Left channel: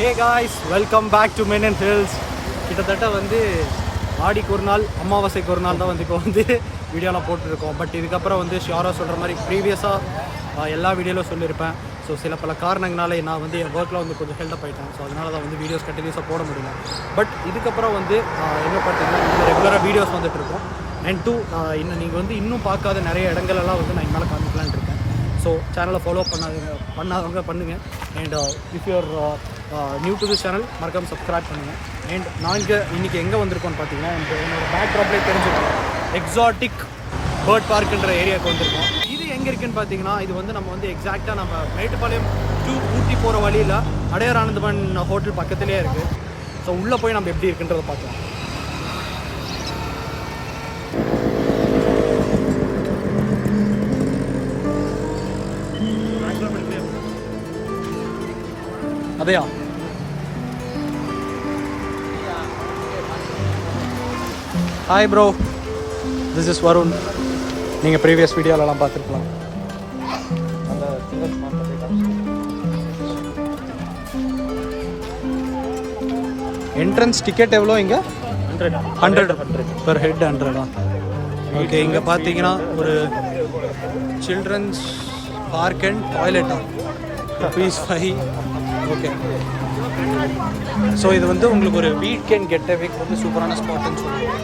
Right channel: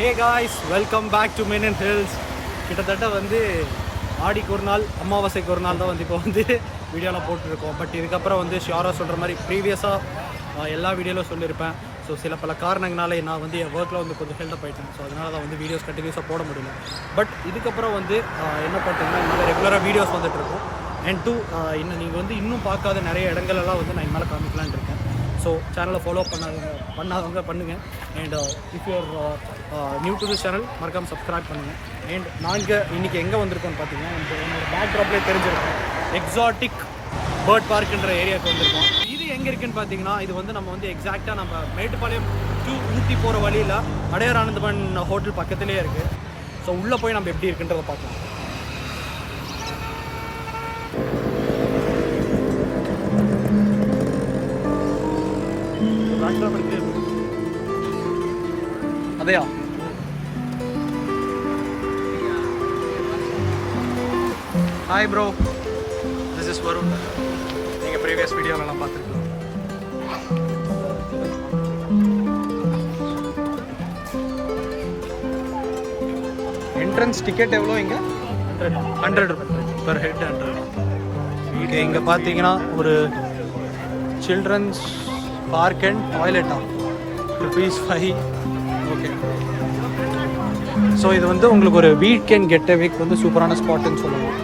hey guys, welcome back to meninhills. கிட்டத்தட்ட வந்து ஆடிக்கு ஒரு நாள் அமாவாசைக்கு ஒரு நாள் தான் வந்து இப்போ வந்து வீடியோலாம் போட்டுருக்கோம். பட் இதுக்கப்புறம் வந்து ஷியோராக சொல்கிற மாதிரி ப்ரீவியஸாக எல்லா வீடியோவிலும் சொல்லியிருப்பேன். ஸோ சில பல காரணங்களால நான் வந்து என் ஒர்க்கில் வந்து கொஞ்சம் ஹெல்டப் ஆகிட்டேன். ஸோ அதனால தான் வந்து வீடியோஸ் கண்டினியூஸாக போட முடியல. பட் இதுக்கப்புறம் வந்து என்ன பார்த்தீங்கன்னா இனிமேல் ரெகுலராக வீடியோஸ் வந்துட்டு இருக்கோம். அண்ட் டூ இன்னும் நீங்கள் வந்து இன்னும் பார்க்காத நிறைய இடங்களெல்லாம் வந்து நான் இனிமேல் காமிக்கலான்னு இருக்கேன். ஸோ சேனலை ஃபாலோ பண்ணாதவங்க பண்ணுங்கள். And if you are new to this channel மறக்காமல் சப்ஸ்கிரைப் பண்ணுங்கள். அண்ட் நாங்கள் இன்றைக்கி எங்கே வந்திருக்கோம்னு பார்த்தீங்கன்னா என்னோடய பேக் ட்ராப்லேயே தெரிஞ்சிருக்கோம், எக்ஸாட்டிக் பேர்ட் பார்க்குன்ற ஏரியாவுக்கு வந்திருக்கோம். இது எங்கே இருக்குதுன்னு பார்த்தீங்கன்னா இது வந்து நம்ம வந்து எக்ஸாக்டாக நம்ம மேட்டுப்பாளையம் டு ஊட்டி போகிற வழியில் அடையார் ஆனந்தமன் ஹோட்டல் பக்கத்துலேயே இருக்குது. ஸோ உள்ளே போய் நம்ம எப்படி இருக்குன்றதை பார்க்கலாம். அதையா hi bro, this is Varun. நீங்கள் ப்ரீவியஸ் வீடியோலலாம் பார்த்துருக்கலாம். என்ட்ரன்ஸ் டிக்கெட் எவ்வளோ இங்கே? 100 பெர் ஹெட் 100 தான். ஓகே, இங்கே பார்த்தீங்கன்னா ஒரு சில்ட்ரன்ஸ் பார்க் அண்ட் டாய்லெட்டா ₹5. ஓகே, ஸோ இது வந்து உங்களுக்கு ஒரு வீக்கெண்ட் கெட்டவேக்கு வந்து சூப்பரான ஸ்பாட்டுன்னு சொல்லுவோம்.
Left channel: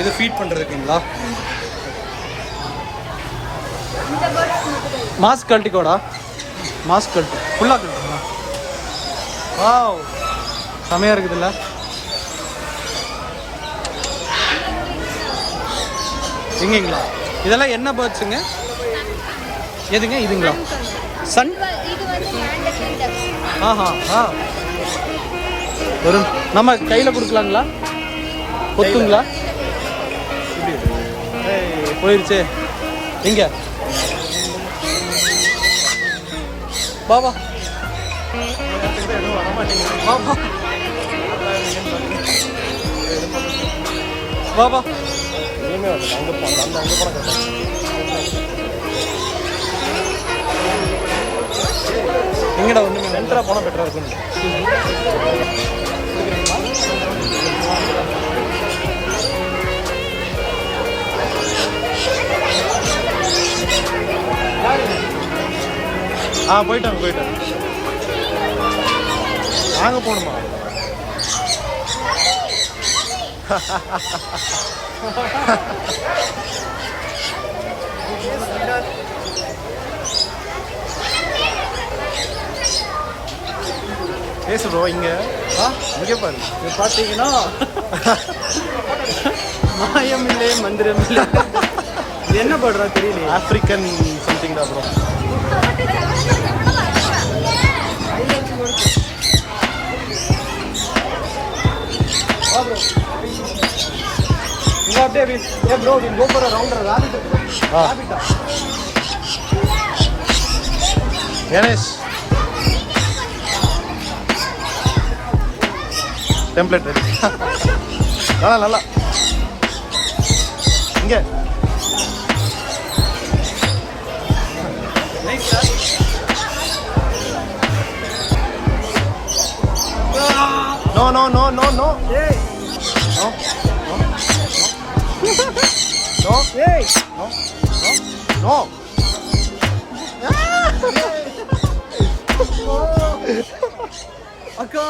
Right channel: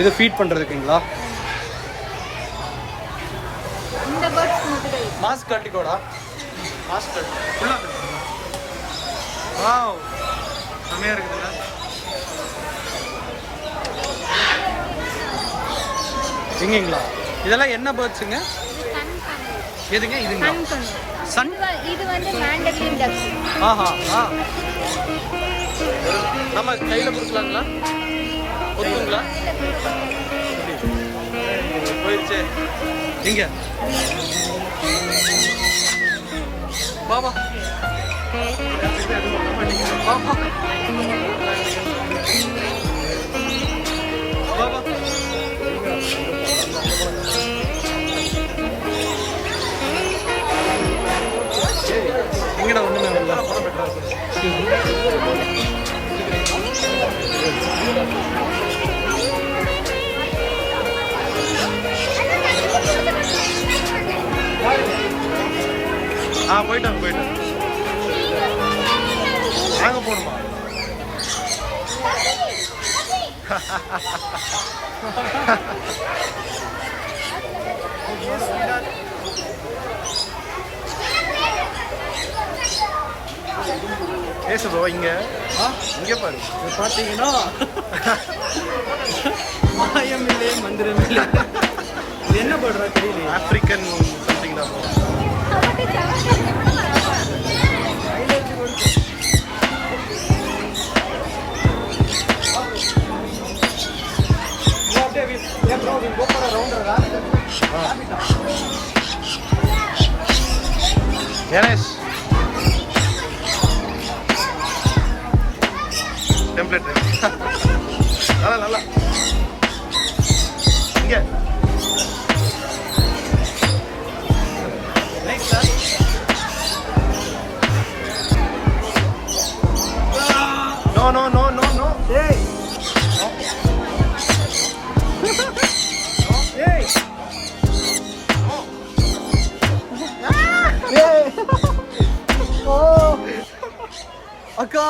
இது ஃபீட் பண்ணுறதுக்குங்களா? மாஸ்க் கழட்டிக்கோடா, மாஸ்க் கழட்டு, ஃபுல்லாக கழட்டுங்களா? வாவ், செமையாக இருக்குதுல்ல? எங்கேங்களா? இதெல்லாம் என்ன பேர்ட்ஸுங்க? எதுங்க இதுங்களா? சன்? ஆஹா ஆ, ஒரு நம்ம கையில் கொடுக்கலாங்களா? கொத்துங்களா? போயிடுச்சு. எங்க பாபா பாபா பாபா எங்கடா? ஒண்ணுமே வரல. போயிட்டாங்க. நாங்க போகணுமா? பேசு ப்ரோ. இங்கே பாரு, இது பார்த்தீங்கன்னா மாயம் இல்லை மந்திரம் இல்லை. இது என்ன படுறா தெரியல. ஆப்பிரிக்கன் சம்திங் தான் ப்ரோ. Ganesh template ready. நல்லா இங்கே No. Hey. No. Hey. No. Oh. Akka.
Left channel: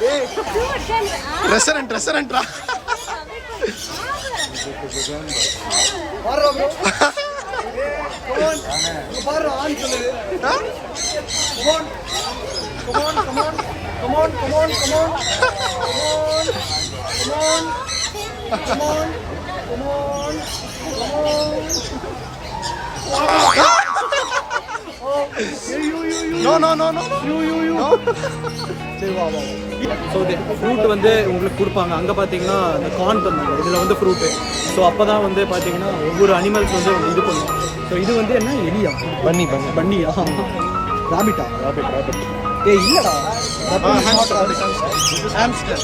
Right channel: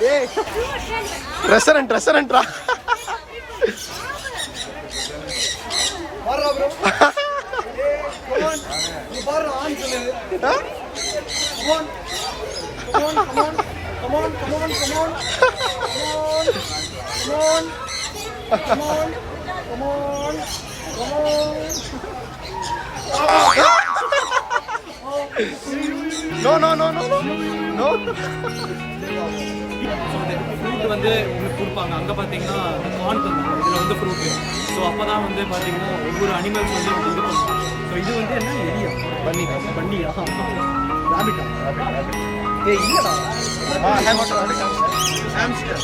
Hey. Restaurant ra. Parra bro. Hey, come on. You parra on chale. Huh? Come on. No. So இது ஃப்ரூட் வந்து உங்களுக்கு கொடுப்பாங்க. அங்கே பார்த்தீங்கன்னா இந்த கார்ன் பண்ணுவாங்க, இதில் வந்து ஃப்ரூட்டு. ஸோ அப்போ தான் வந்து பார்த்தீங்கன்னா ஒவ்வொரு அனிமல்ஸ் வந்து இது பண்ணுவோம். ஸோ இது வந்து என்ன எலியா பன்னியா ராபிட்டா ஏய் இல்லடா ஹாம்ஸ்டர்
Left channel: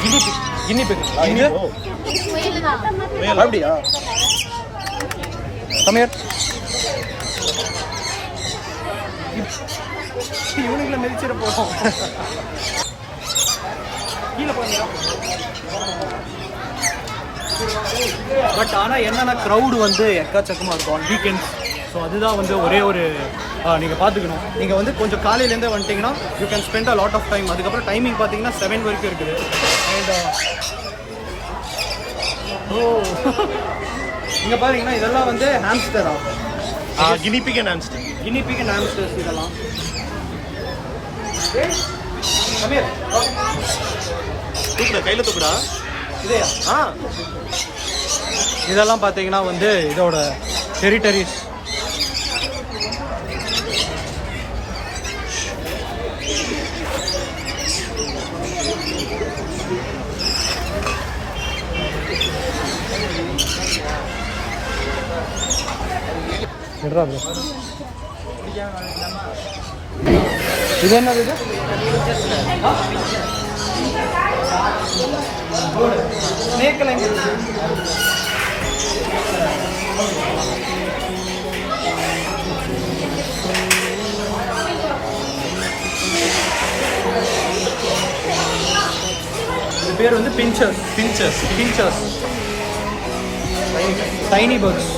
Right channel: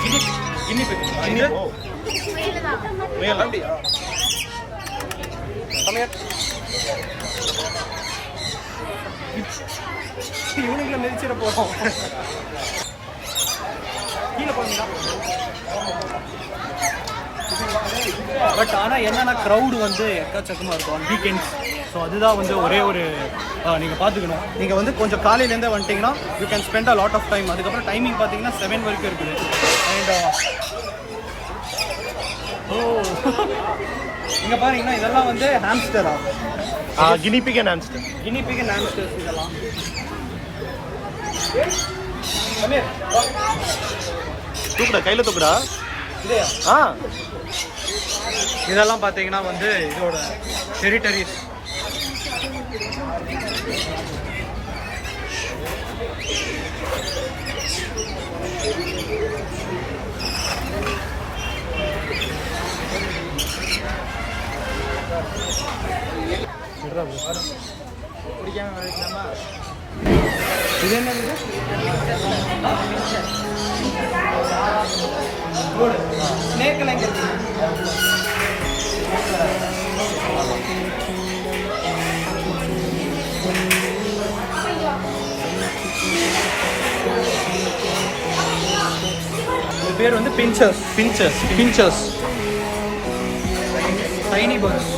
கின்னி அப்படியா கம்மியர் இவனுக்குள்ள மிதிச்சிட போகிறோம் கீழே போகிறீங்களா பட் ஆனால் என்னென்னா க்ரௌடு வந்து எக்கச்சக்கமாக இருக்கும் ஆன் வீக்கெண்ட்ஸ் ஸோ அதுதான் வந்து ஒரே ஒரு நீங்கள் பார்த்துக்கணும் நீங்கள் வந்து கொஞ்சம் காலையிலேருந்தே வந்துட்டிங்கன்னா you can spend a lot of time அதுக்கப்புறம் டைமிங் பார்த்தீங்கன்னா 7 வரைக்கும் இருக்குது அண்ட் இங்கே பாருங்கன்னா இதெல்லாம் வந்து ஹாம்ஸ்டரா கினிபிக் அண்ட் ஹாம்ஸ்டர்ஸ் இதெல்லாம் கம்மியர் தூக்குடா கையில் தூக்குடா இதேயா இதெல்லாம் பார்த்தீங்கன்னா வந்து இதோட டெரிட்டரிஸ் இது என்ன இது ஸ்னேக்கெல்லாம் இங்கே இருக்குது இது பேர் வந்து பின்ச்சர்ஸ் டைனி பேர்ட்ஸ்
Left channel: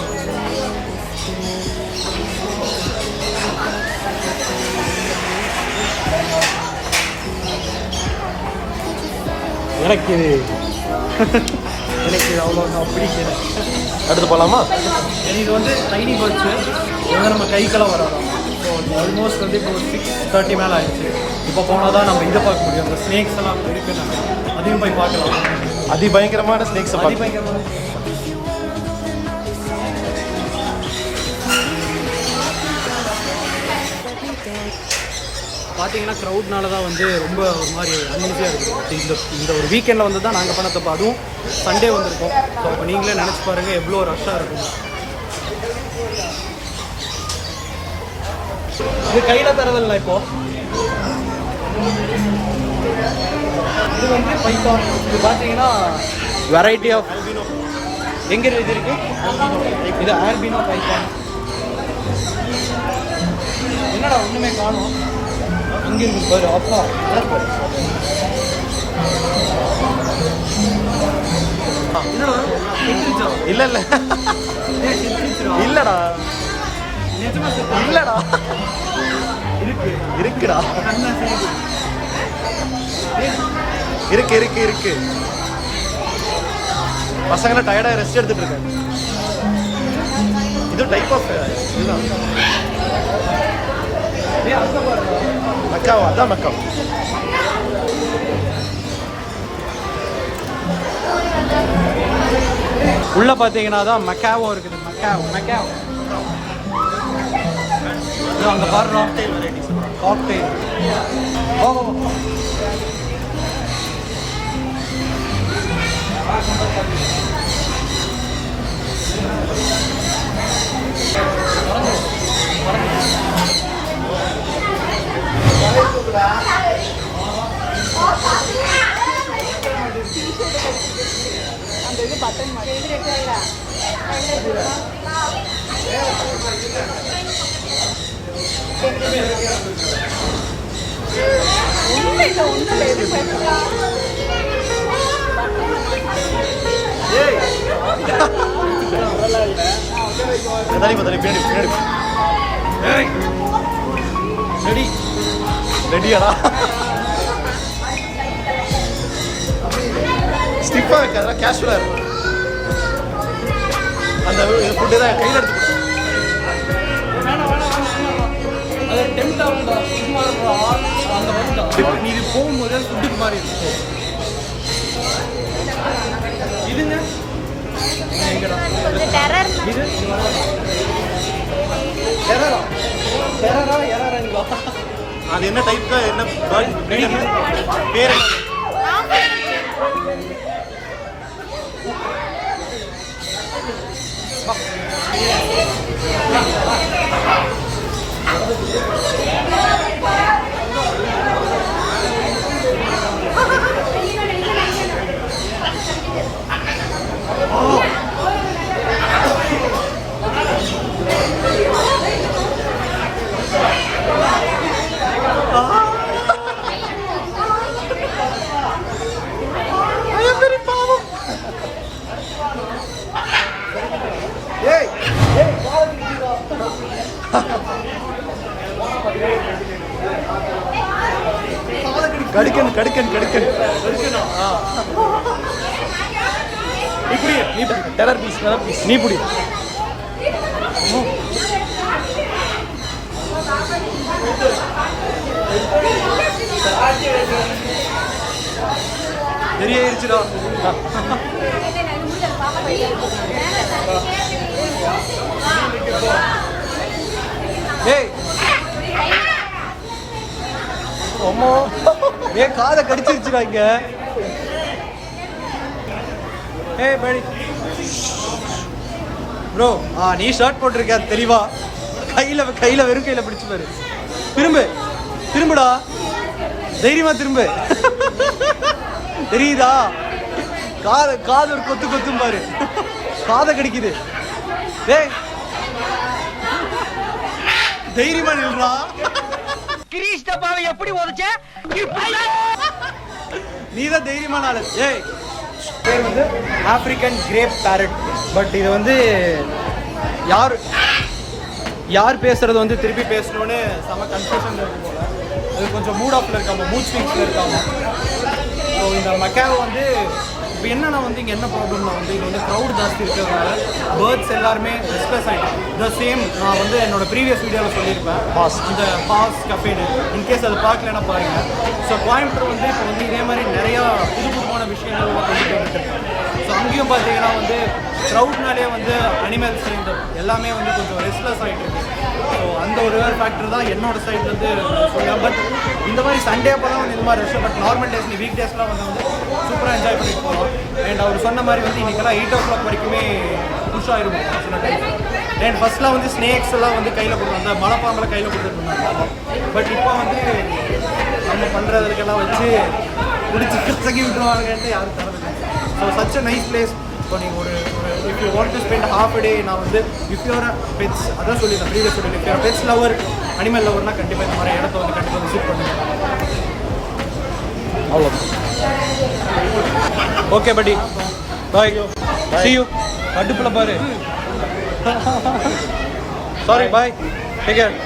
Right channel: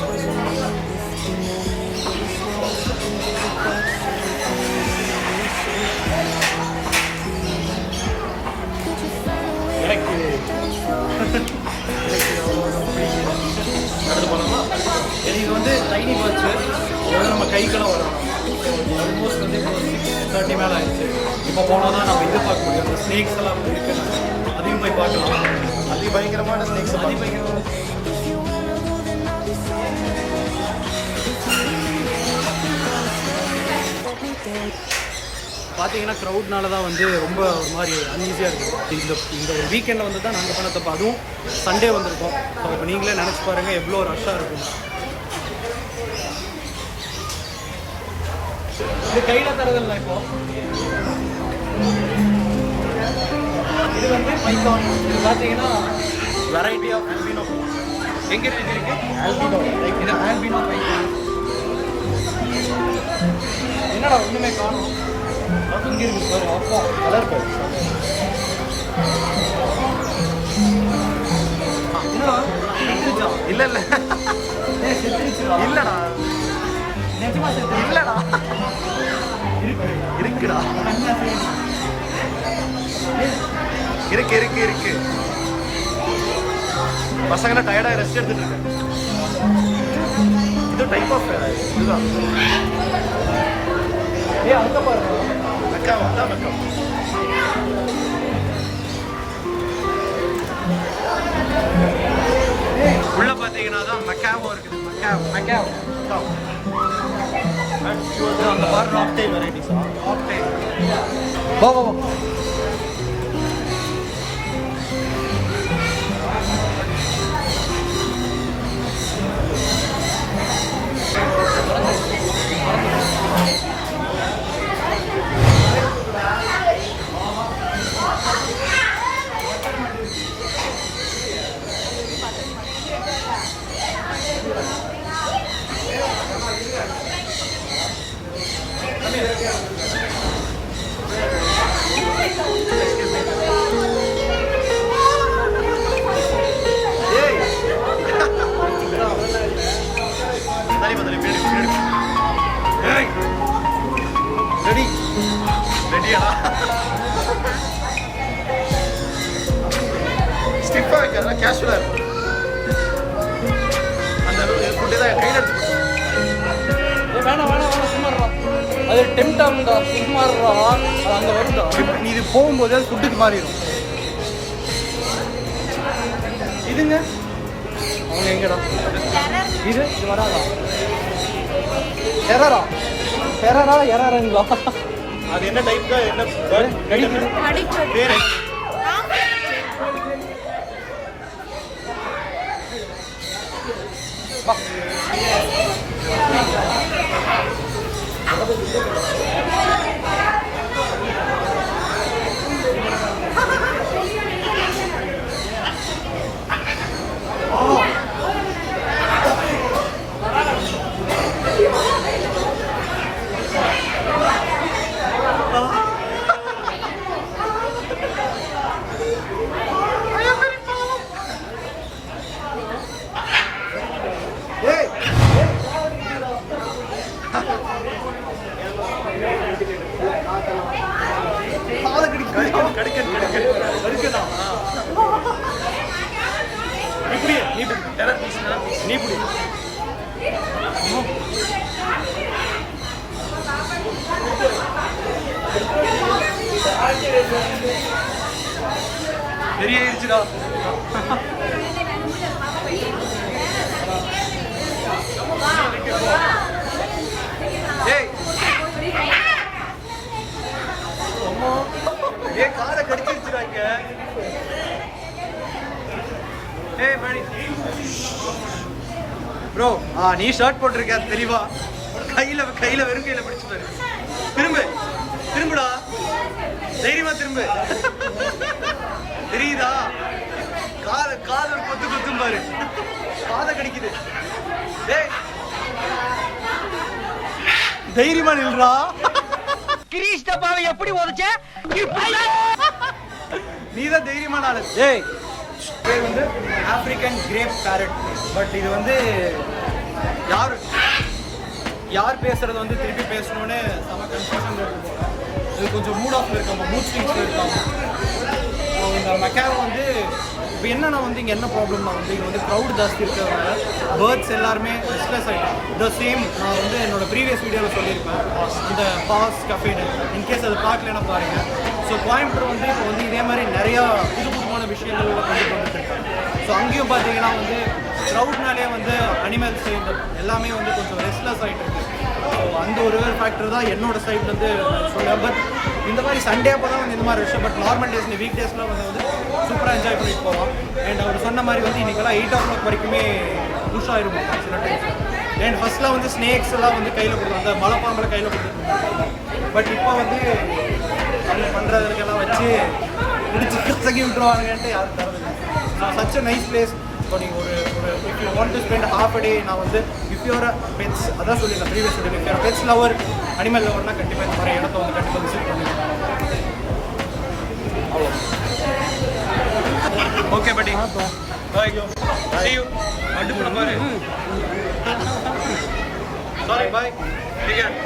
எனக்கு அடுத்து போகலாமா? இது வந்து டைனி பேர்ட்ஸு இது வந்து நம்ம கைக்கெல்லாம் வராதாமா. ஸோ ஆல்மோஸ்ட் வந்து இப்போ 30 மேலே ஆயிடுச்சு. இப்போ போனால் தான் நம்ம இதை பார்க்க முடியும். அந்த ஸ்னேக்ஸ் எல்லாம் இருக்குன்னாங்க, அதையும் போய் பார்க்கலாம். அதிபயங்கரமான ஸ்னேக்ஸ் பார்த்தீங்கன்னா க்ரௌட்னால தான் வந்து ரொம்ப ஒரு மாதிரி அன்ஈஸியாக இருக்குது. இந்த ஒரு வீக்கெண்டில் வந்து தான் நாங்கள் பண்ண தப்பு. அதுவும் சண்டே வந்திருக்கோம். ஸோ அப்போ நீங்களே நினச்சி பாருங்கள் எவ்வளோ ரஷ்ஷாக இருக்கும். இது கையில் தரதில்லை. இப்போது இது வந்து பைத்தான். இது பார்த்தீங்கன்னா வெரைட்டி ஆஃப் ஆல்பினோ. எங்கே இருக்கு ஆல்பினோ? இது ஆல்பினோ பைத்தான். என்னடா ஒன்றுமே காணும். இங்கே இருக்கு பாரு. அப்பா கலர் பாரு. இல்லை இல்லை இல்லைடா, இல்லைடா, இருக்குடா, இருக்கு. பசங்களாம் டயர்டாக ரெஸ்ட் எடுத்துட்டு இருக்கு. இது டைப் ஆஃப் இதுதான் மக்காவா? அதான் மக்காவ். உள்ள பார்த்தீங்கன்னா தான் மக்காவும் இருக்குது. மக்காவ் அங்கே பாருங்க. காக்டெயில் ரெடியாடா? ஸ்டிஃபாக வைக்காதா, கேஷுவலாக இருக்கும். அந்த ஃபுட்டு தான் கையில் எடுத்து கொடுத்து. நீ இது போகும்போது ஃபுட்டுக்கு மாறி இருக்கும். இதுங்க எங்கடா இது வராதா? எறாரா அது என்ன டைப் தான்? என்ன கிடைக்குது? பேர் நீ புடி டெரர் பீஸ் நீ புடி. தெரியாயிருச்சுடா. ஏய் அம்மா ஏன் காதை கடிச்சிருச்சுடா இங்க. ஏய் படி ப்ரோ. நீ ஷர்ட் போட்டிருக்க தெளிவா. கையில வெறும் கையில பிடிச்சு பாரு. திரும்புடா தைரியமா திரும்பு. தெரியுதா? காது ஒரு கொத்தும் பாரு. காதை கடிக்குது. ஏய் தைரியமா நில்றா. கிரீஷ் டப்பாவை எப்படி உடைச்ச? நீதான் தைரியமான ஆளு. ஏய் பேர் வந்து ஆப்பிரிக்கன் கிரேப் பேரட். பட் இது வந்து யார் பேசுறது வந்து திருப்பி பேசணும்னு செம கன்ஃபியூஷன்ல இருக்கு போல. அது கொஞ்சம் மூட் ஆஃப்ல இருக்காங்க, மூட் ஸ்விங்ஸ்ல இருக்காங்க. ஸோ இந்த மக்காவை வந்து இப்போ என்னன்னா வந்து இங்கே என்ன ப்ராப்ளம்னா வந்து இங்கே வந்து க்ரௌட் ஜாஸ்தி இருக்கிறதுனால பேர்ட்ஸ் எல்லாருமே ரெஸ்ட்லெஸ் ஆகிட்டோம். த சேம் நான் வந்து என்னோட ப்ரீவியஸ் வீடியோவில் சொல்லியிருப்பேன், அந்த பாஸ் கஃபேன்னு. இன்கேஸ் அதை பார்க்கலன்னா பாருங்கள். ஸோ கோயம்புத்தூர் வந்து இப்போ வந்து இதே மாதிரி நிறையா புதுமான விஷயங்கள்லாம் கொண்டுட்டு வந்துட்டுருக்காங்க. ஸோ அங்கேயும் பார்த்தீங்கன்னா வந்து க்ரௌட்னாலே வந்து அனிமல்ஸ் இந்த எல்லாமே வந்து கொஞ்சம் ரெஸ்ட்லெஸ் ஆகிட்டு இருக்கு. ஸோ அந்த ஒரு ஃபேக்டர் தான் என்னோட சைட்லேருந்து சொல்லுவேன். பட் இந்த மாதிரி சண்டே அப்போ தான் வந்து இந்த மாதிரி விஷயம். பட் நார்மல் டேஸ் வீக் டேஸ்லாம் வந்து சூப்பராக என்ஜாய் பண்ணிட்டு போகலாம். அண்ட் அவர் சொன்ன மாதிரி வந்து இன்றைக்கெல்லாம் 8 o'clock வரைக்குமே புஷ் ஆகிருவோம் சில டைம்ஸில். அண்ட் ஃபஸ்ட்லாம் வந்து ஸ்னேக்ஸ் எல்லாம் வந்து கையில் கொடுத்துருவோம், அந்த மலைப்பாம்பெல்லாம் கையில் கொடுத்துருந்தாங்க. பட் இப்போ வந்து நம்ம பண்ணுறதுக்கெல்லாம் வச்சு பிடிச்சி கசக்கி விட்டுருவாங்கன்ட்டு யாரும் தரதில்லை. So such a nice place. இப்போ நீங்கள் ஒரு if you want to spend half a day, நான் வந்து இஃப் யூர் பெட்ஸ், அதான் சொல்லியிருந்தேன் ப்ரீவியஸ் சொல்லி, if your pets lover, animal லவர்னால் கண்டிப்பாக இந்த மாதிரி இடத்த வந்து கண்டிப்பாக விசிட் பண்ணுங்கள். ஓகே பட்டி, பாய், see you. அடுப்புல பாரு. சாரி, பாய், டேக் கேர்.